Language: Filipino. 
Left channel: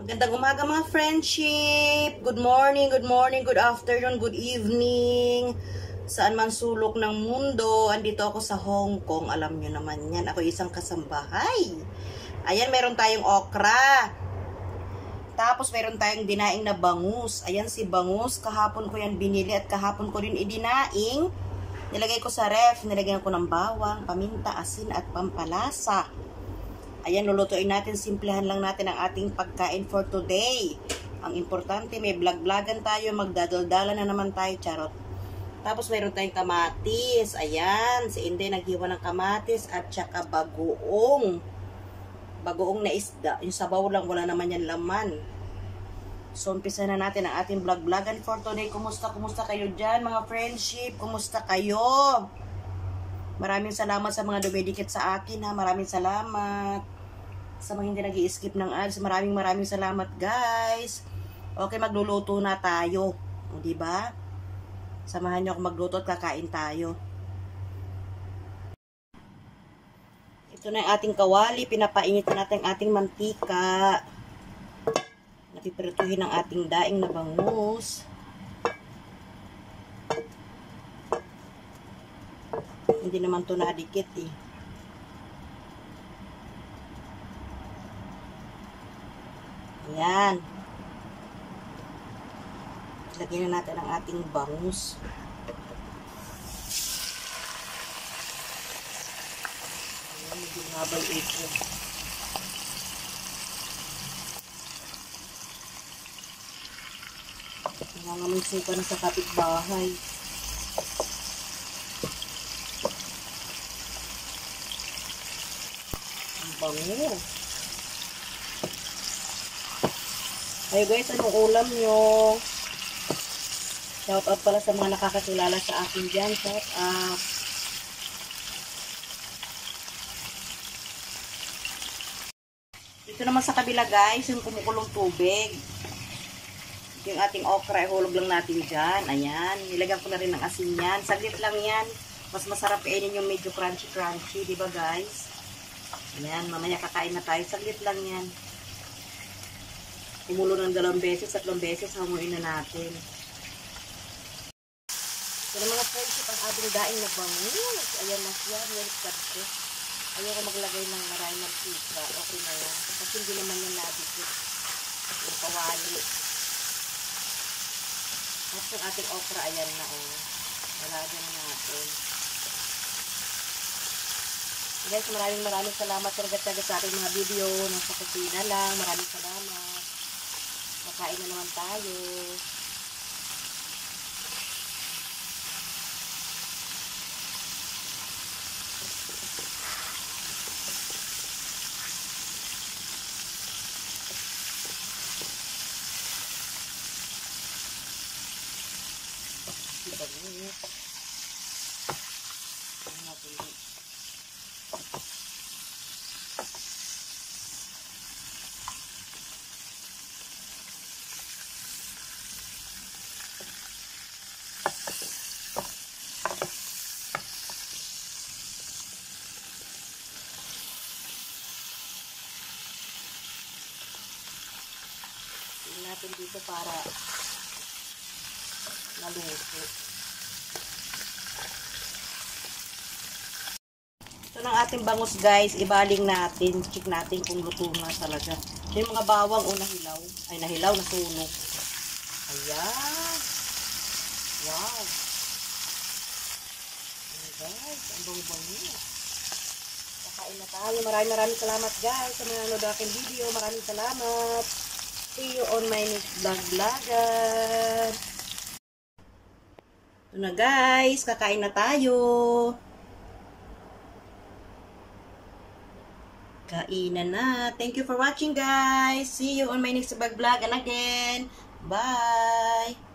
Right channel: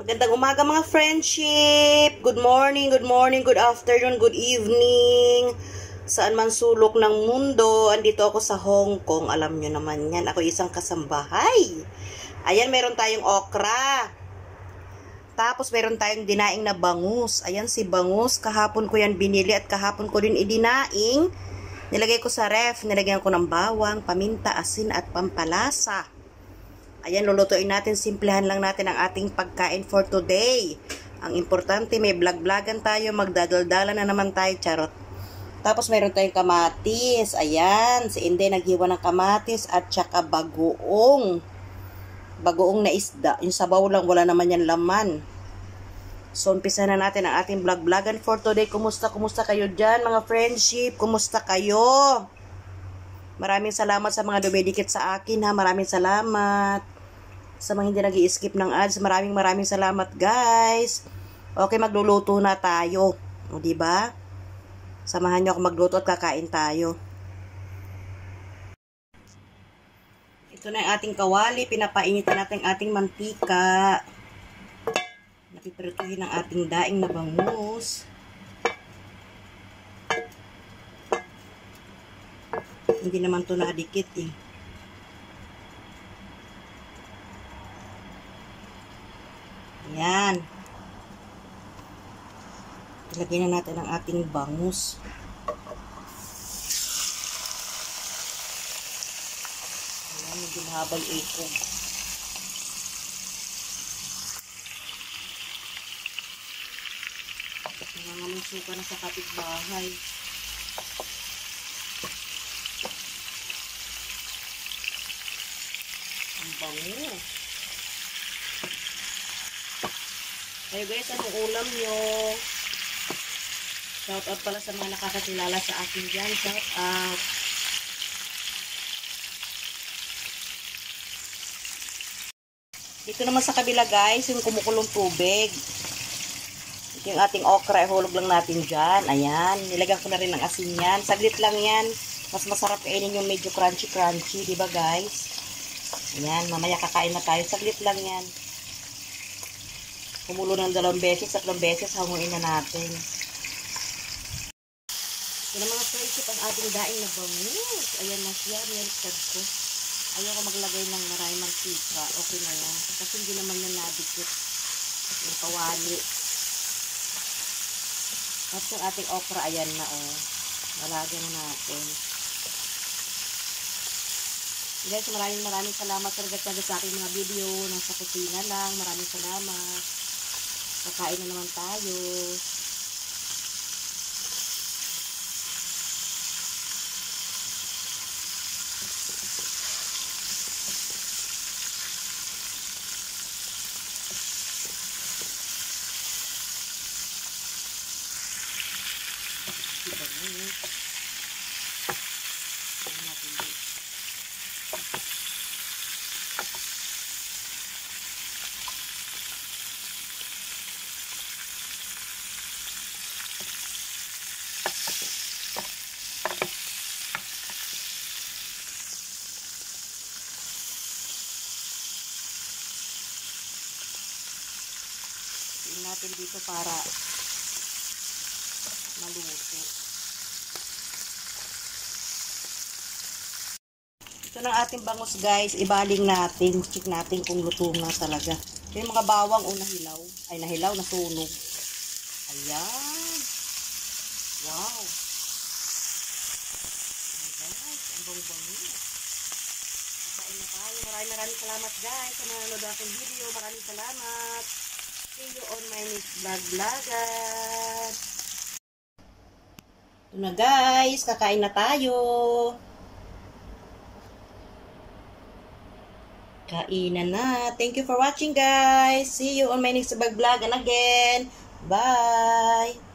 Magandang umaga mga friendship. Good morning, good afternoon, good evening. Saan man sulok ng mundo, andito ako sa Hong Kong. Alam nyo naman yan, ako isang kasambahay. Ayan, meron tayong okra. Tapos meron tayong dinaing na bangus. Ayan si bangus, kahapon ko yan binili at kahapon ko din idinaing. Nilagay ko sa ref, nilagyan ko ng bawang, paminta, asin at pampalasa. Ayan, lulutuin natin, simplihan lang natin ang ating pagkain for today. Ang importante, may vlog-vlogan tayo, magdadaldala na naman tayo, charot. Tapos meron tayong kamatis, ayan, si Inday naghiwa ng kamatis at saka bagoong. Bagoong na isda, yung sabaw lang, wala naman yan laman. So, umpisa na natin ang ating vlog-vlogan for today. Kumusta kayo dyan, mga friendship? Kumusta kayo? Maraming salamat sa mga dumidikit sa akin, ha. Maraming salamat. Sa mga hindi nag-i-skip ng ads, maraming salamat, guys. Okay, magluluto na tayo. O, diba? Samahan nyo ako magluto at kakain tayo. Ito na yung ating kawali. Pinapainitan natin ang ating mantika. Napipirituhin ang ating daing na bangus. Hindi naman to nadikit eh. Ayan. Ilagay na natin ang ating bangus. Ayan, medyo mahabay ito. Nangangamoy suka na sa kapitbahay. Bango. Ayo guys, anong ulam nyo? Shout out pala sa mga nakakakilala sa akin dyan. Shout out. Ito naman sa kabila guys, yung kumukulong tubig. Ito yung ating okra, ihulog lang natin dyan. Ayan, nilagyan ko na rin ng asin yan. Saglit lang yan. Mas masarap kainin yung medyo crunchy, diba guys? Ayan, mamaya kakain na tayo. Saglit lang yan. Kumulo ng 2 beses, 3 beses, hanguin na natin. Ito na mga friendship, ang ating daing na bangus. Ayan na siya, niligtad ko. Ayaw ko maglagay ng maraming mantika. Okay na yan. Kasi hindi naman yung nadikit. Yung kawali. At yung ating okra, ayan na oh. Malagyan na natin. Guys, maraming salamat sa nagtatsaga sa aking mga video. Nasa kusina lang. Maraming salamat. Kakain na naman tayo. Natin dito para maluto. Ito ng ating bangus guys, ibaling natin, check natin kung luto na talaga. Yung mga bawang o nahilaw, ay nahilaw, nasunog. Ayan. Wow. Ayan guys, ang bango-bango. Kakain na tayo. Maraming salamat guys sa mga nanonood aking video. Maraming salamat. See you on my next vlog-vlogan. Ito na guys, kakain na tayo. Kainan na. Thank you for watching guys. See you on my next vlog-vlogan again. Bye!